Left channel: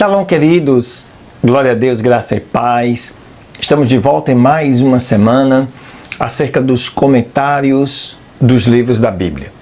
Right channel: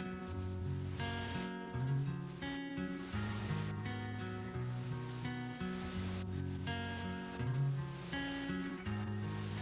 Shalom, queridos, glória a Deus, graça e paz. Estamos de volta em mais uma semana acerca dos comentários dos livros da Bíblia.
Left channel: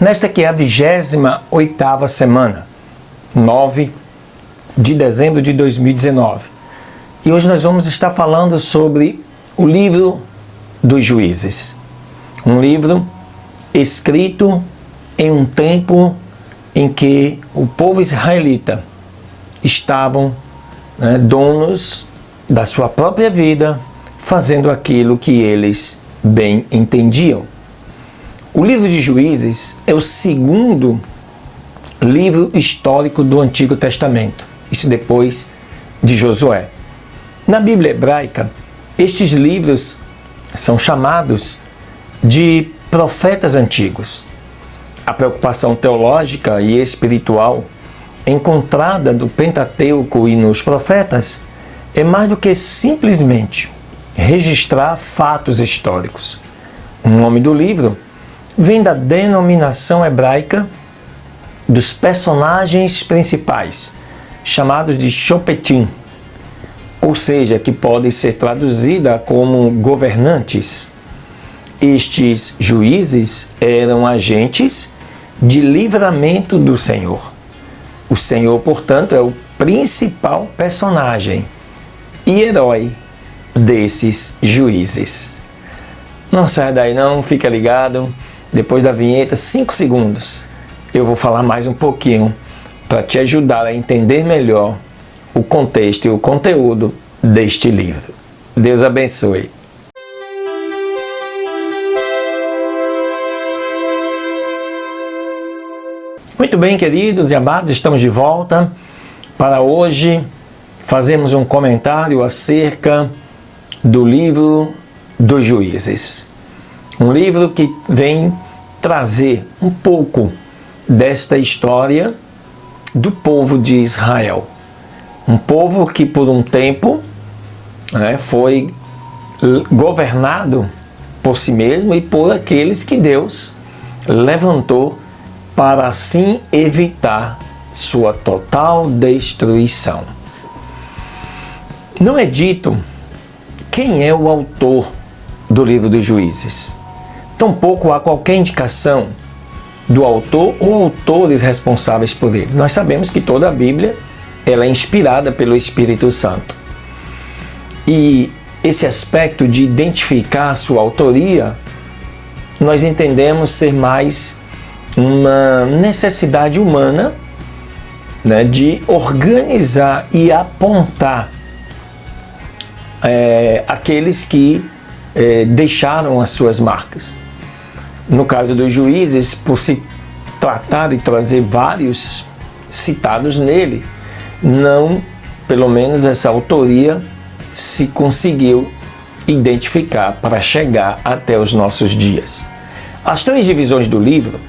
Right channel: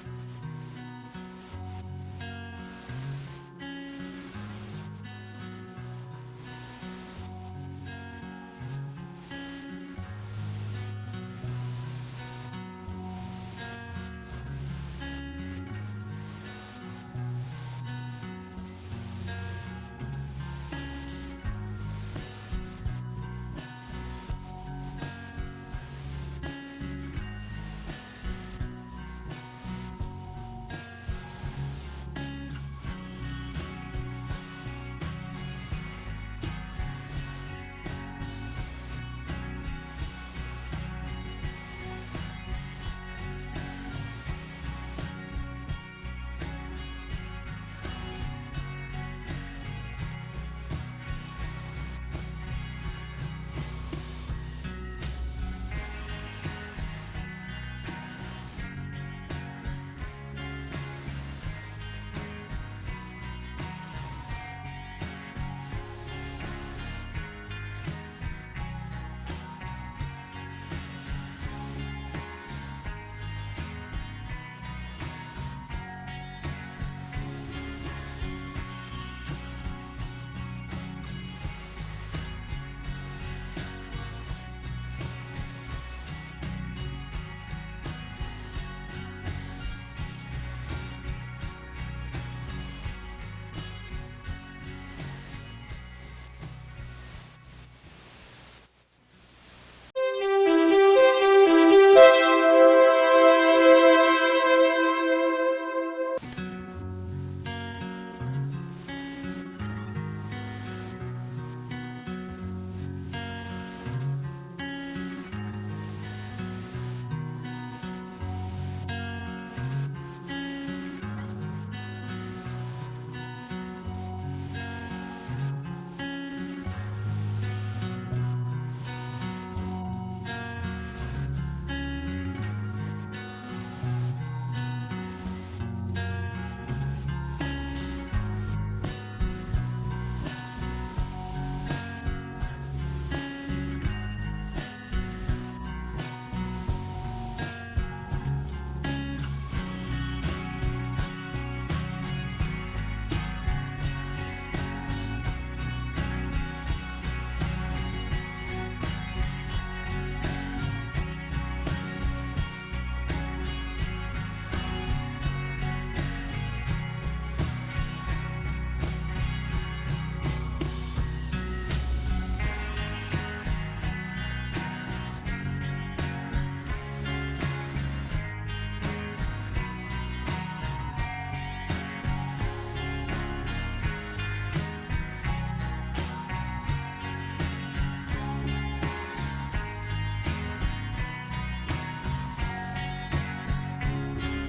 Nesta que é a 28ª semana, 9 de dezembro de 2019. E hoje nós vamos estar falando sobre o livro dos Juízes. Um livro escrito em um tempo em que o povo israelita estavam donos da sua própria vida, fazendo aquilo que eles bem entendiam. O livro de Juízes é o segundo livro histórico do Antigo Testamento, isso depois de Josué. Na Bíblia hebraica, estes livros são chamados de profetas antigos. A preocupação teológica e espiritual encontrada do Pentateuco e nos profetas é mais do que simplesmente registrar fatos históricos. O nome do livro vem da denominação hebraica dos personagens principais, chamados de Shopetim, ou seja, que pode ser traduzida como governantes. Estes juízes eram agentes de livramento do Senhor. O Senhor, portanto, é o principal personagem e herói desses juízes. Não saia daí não, fica ligado. Depois da vinheta, 5 segundos, eu vou falar mais um pouquinho para te ajudar a entender melhor o contexto e o conteúdo deste livro. Deus abençoe. Muito bem, queridos e amados, estamos de volta para hoje fazermos um comentário acerca do livro dos Juízes. Um livro que vem trazer um pouco desta história do povo de Israel. Um povo que por um tempo foi governado por si mesmo e por aqueles que Deus levantou para assim evitar sua total destruição. Não é dito quem é o autor do livro dos Juízes. Tampouco há qualquer indicação do autor ou autores responsáveis por ele. Nós sabemos que toda a Bíblia ela é inspirada pelo Espírito Santo. E esse aspecto de identificar a sua autoria, nós entendemos ser mais uma necessidade humana de organizar e apontar aqueles que deixaram as suas marcas. No caso dos Juízes, por se tratar de trazer vários citados nele, não, pelo menos essa autoria se conseguiu identificar para chegar até os nossos dias. As 3 divisões do livro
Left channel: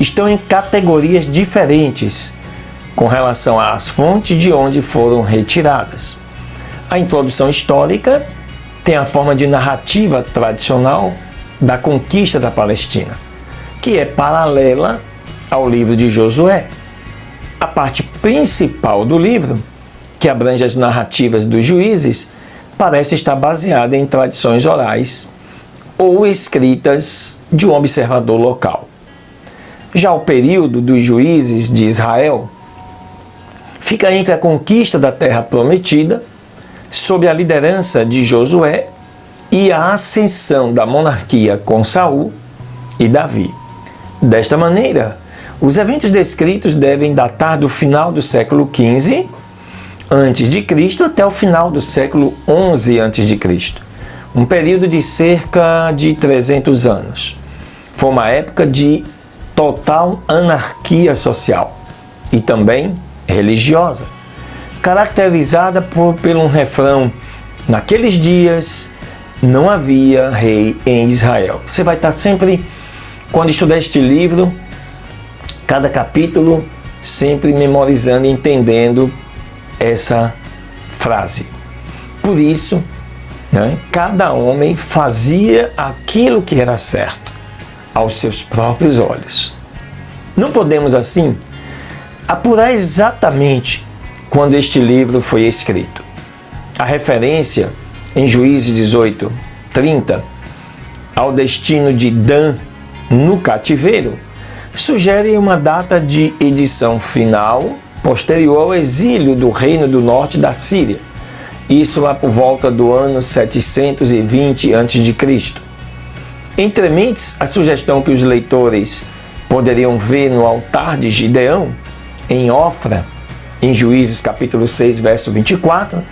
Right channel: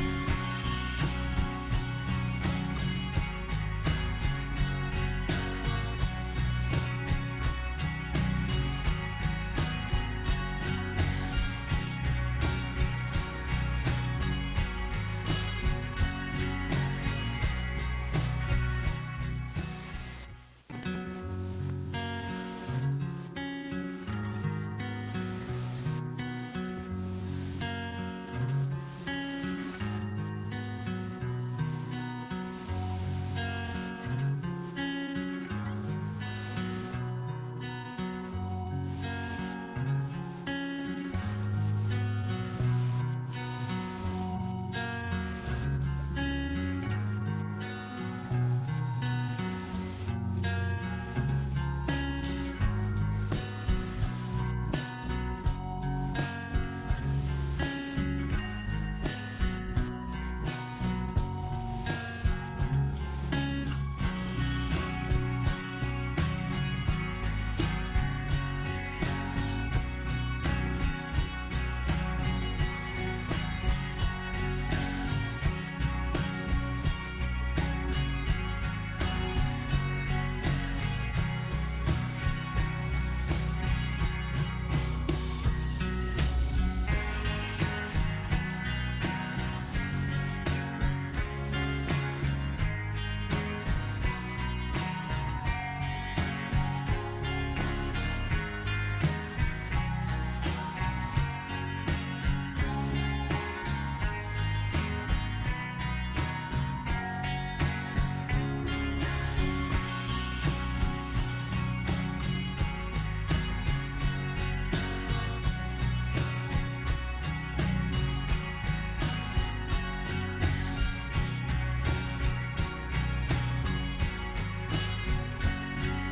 estão em categorias diferentes com relação às fontes de onde foram retiradas. A introdução histórica tem a forma de narrativa tradicional da conquista da Palestina, que é paralela ao livro de Josué. A parte principal do livro, que abrange as narrativas dos juízes, parece estar baseada em tradições orais ou escritas de um observador local. Já o período dos juízes de Israel fica entre a conquista da terra prometida, sob a liderança de Josué, e a ascensão da monarquia com Saul e Davi. Desta maneira, os eventos descritos devem datar do final do século XV a.C. até o final do século XI a.C., um período de cerca de 300 anos. Foi uma época de total anarquia social e também religiosa, caracterizada pelo refrão: naqueles dias não havia rei em Israel. Você vai estar sempre, quando estudar este livro, cada capítulo, sempre memorizando e entendendo essa frase. Por isso, cada homem fazia aquilo que era certo aos seus próprios olhos. Não podemos, assim, apurar exatamente quando este livro foi escrito. A referência em Juízes 18:30 ao destino de Dan no cativeiro sugere uma data de edição final posterior ao exílio do Reino do Norte da Síria, isso lá por volta do ano 720 a.C. Entre mentes, a sugestão que os leitores poderiam ver no altar de Gideão, em Ofra, em Juízes capítulo 6, verso 24,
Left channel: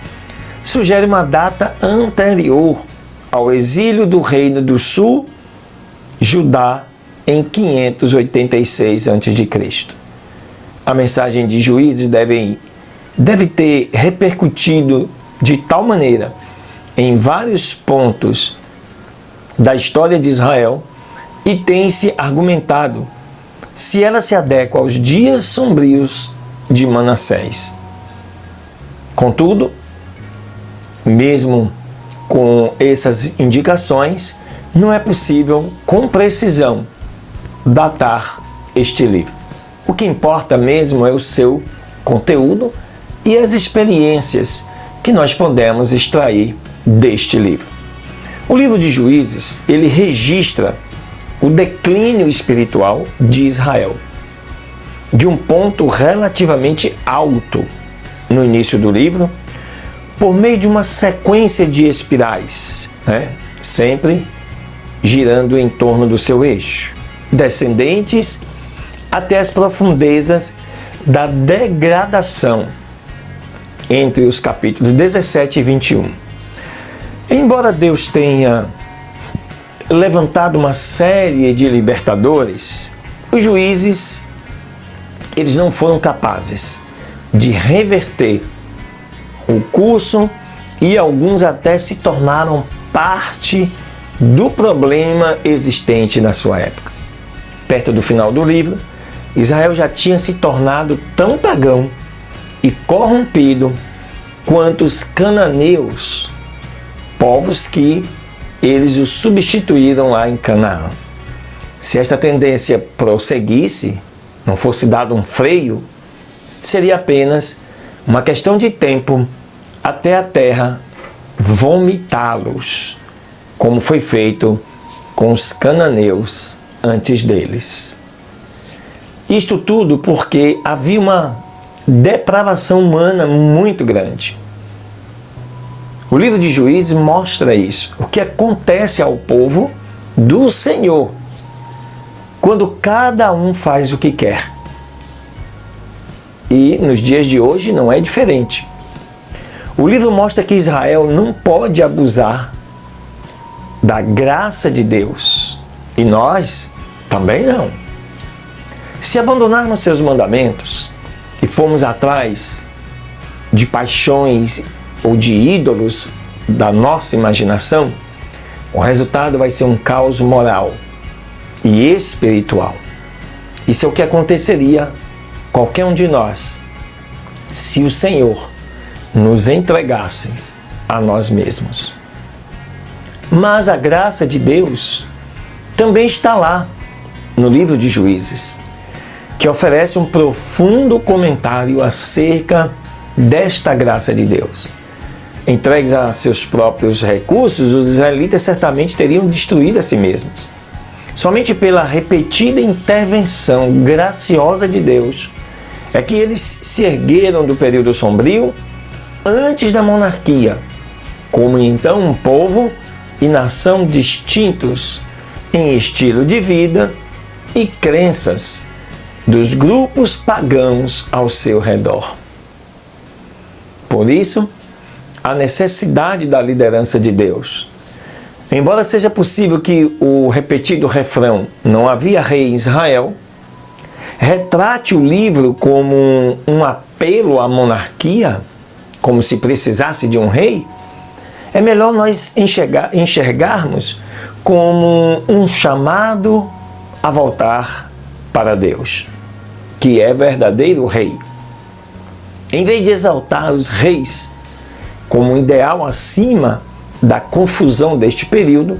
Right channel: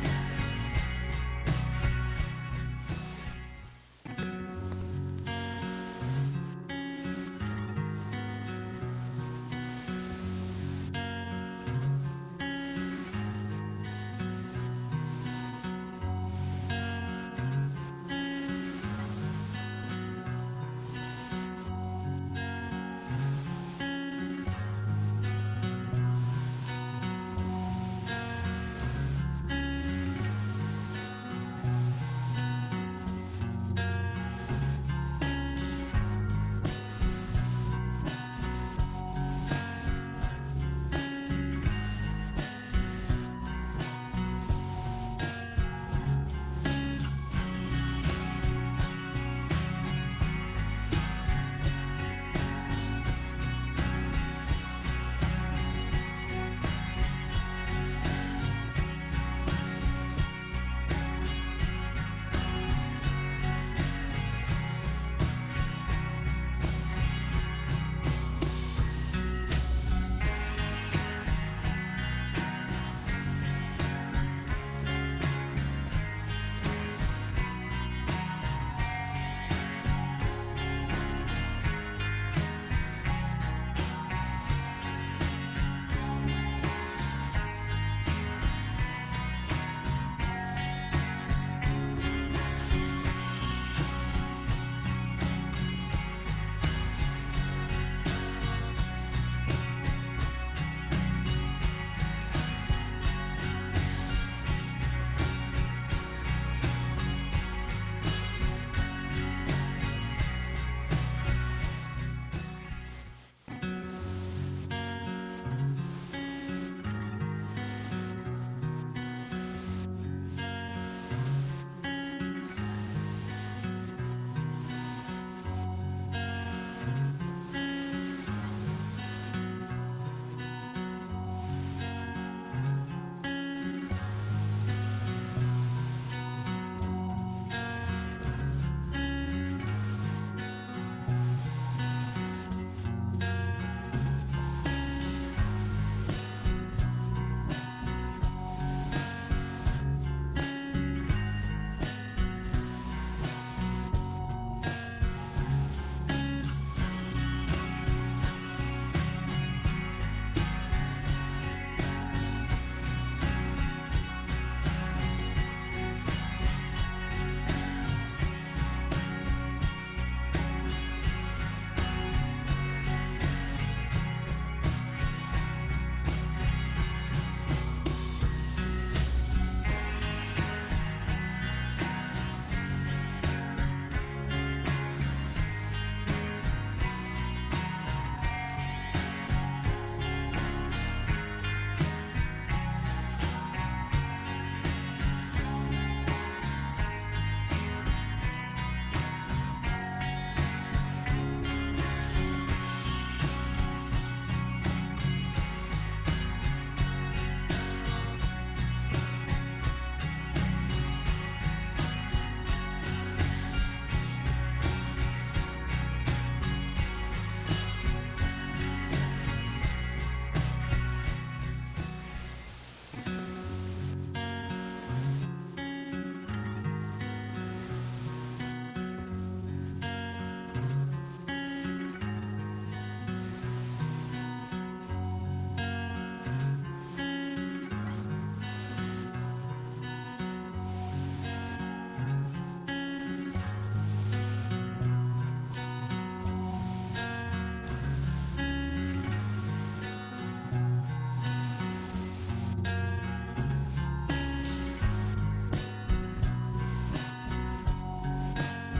sugere uma data anterior ao exílio do Reino do Sul, Judá, em 586 a.C. A mensagem de Juízes deve ter repercutido de tal maneira em vários pontos da história de Israel e tem-se argumentado se ela se adequa aos dias sombrios de Manassés. Contudo, mesmo com essas indicações, não é possível com precisão datar este livro. O que importa mesmo é o seu conteúdo e as experiências que nós podemos extrair deste livro. O livro de Juízes, ele registra o declínio espiritual de Israel, de um ponto relativamente alto no início do livro, por meio de uma sequência de espirais, sempre girando em torno do seu eixo, descendentes até as profundezas da degradação entre os capítulos 17 e 21. Embora Deus tenha levantado uma série de libertadores, os juízes, eles não foram capazes de reverter o curso e alguns até se tornaram parte do problema existente na sua época. Perto do final do livro, Israel já tinha se tornado tão pagão e corrompido quanto os cananeus, povos que eles o substituíram lá em Canaã. Se esta tendência prosseguisse, não fosse dado um freio, seria apenas uma questão de tempo até a terra vomitá-los, como foi feito com os cananeus antes deles. Isto tudo porque havia uma depravação humana muito grande. O livro de Juízes mostra isso, o que acontece ao povo do Senhor, quando cada um faz o que quer. E nos dias de hoje não é diferente. O livro mostra que Israel não pode abusar da graça de Deus, e nós também não. Se abandonarmos seus mandamentos e formos atrás de paixões ou de ídolos da nossa imaginação, o resultado vai ser um caos moral e espiritual. Isso é o que aconteceria qualquer um de nós se o Senhor nos entregasse a nós mesmos. Mas a graça de Deus também está lá no livro de Juízes, que oferece um profundo comentário acerca desta graça de Deus. Entregues a seus próprios recursos, os israelitas certamente teriam destruído a si mesmos. Somente pela repetida intervenção graciosa de Deus é que eles se ergueram do período sombrio antes da monarquia, como então um povo e nação distintos em estilo de vida e crenças dos grupos pagãos ao seu redor. Por isso, a necessidade da liderança de Deus. Embora seja possível que o repetido refrão "não havia rei em Israel" retrate o livro como um apelo à monarquia, como se precisasse de um rei, é melhor nós enxergarmos como um chamado a voltar para Deus, que é verdadeiro rei. Em vez de exaltar os reis como um ideal acima da confusão deste período,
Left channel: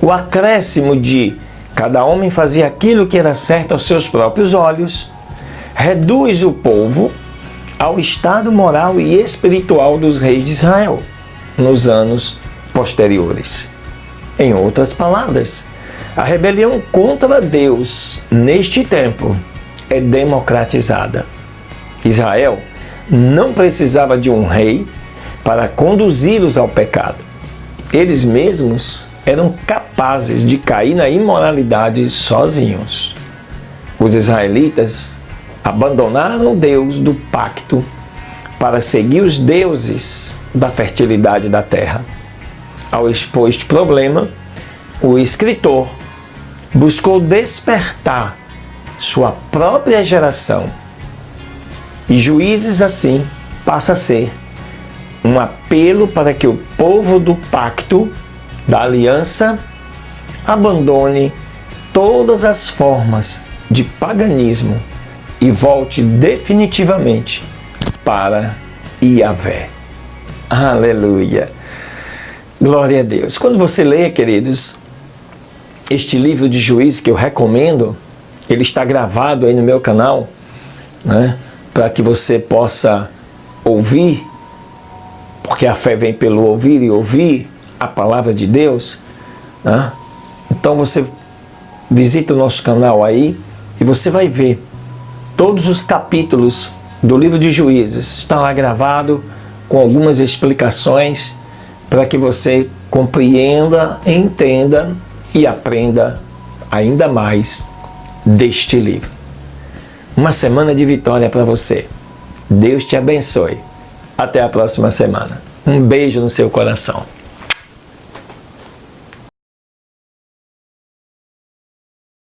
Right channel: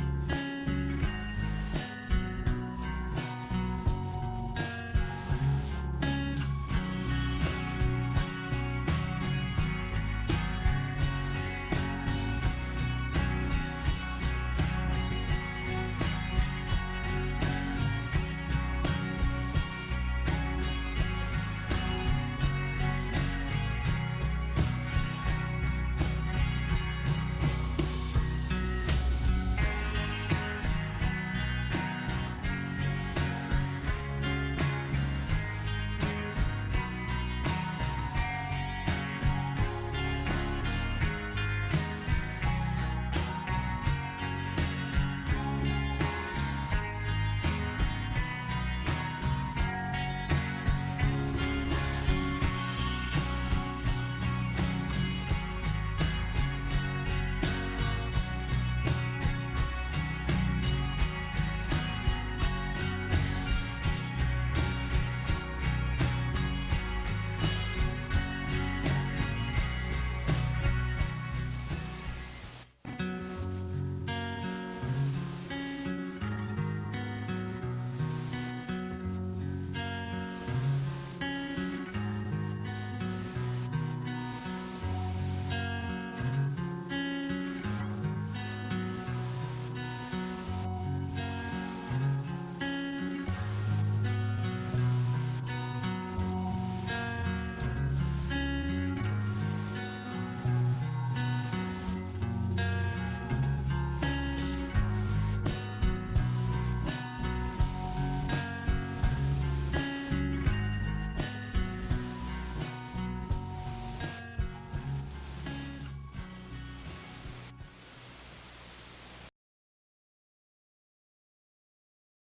o acréscimo de cada homem fazia aquilo que era certo aos seus próprios olhos reduz o povo ao estado moral e espiritual dos reis de Israel nos anos posteriores. Em outras palavras, a rebelião contra Deus neste tempo é democratizada. Israel não precisava de um rei para conduzi-los ao pecado. Eles mesmos eram capazes de cair na imoralidade sozinhos. Os israelitas abandonaram o Deus do pacto para seguir os deuses da fertilidade da terra. Ao expor este problema, o escritor buscou despertar sua própria geração. E Juízes, assim, passa a ser um apelo para que o povo do pacto, da aliança, abandone todas as formas de paganismo e volte definitivamente para Yahvé. Aleluia! Glória a Deus! Quando você lê, queridos, este livro de Juízes que eu recomendo, ele está gravado aí no meu canal, né, para que você possa ouvir, porque a fé vem pelo ouvir e ouvir a palavra de Deus, né? Então você visita o nosso canal aí e você vai ver todos os capítulos do livro de Juízes. Está lá gravado com algumas explicações para que você compreenda, entenda e aprenda ainda mais deste livro. Uma semana de vitória para você. Deus te abençoe. Até a próxima semana. Um beijo no seu coração.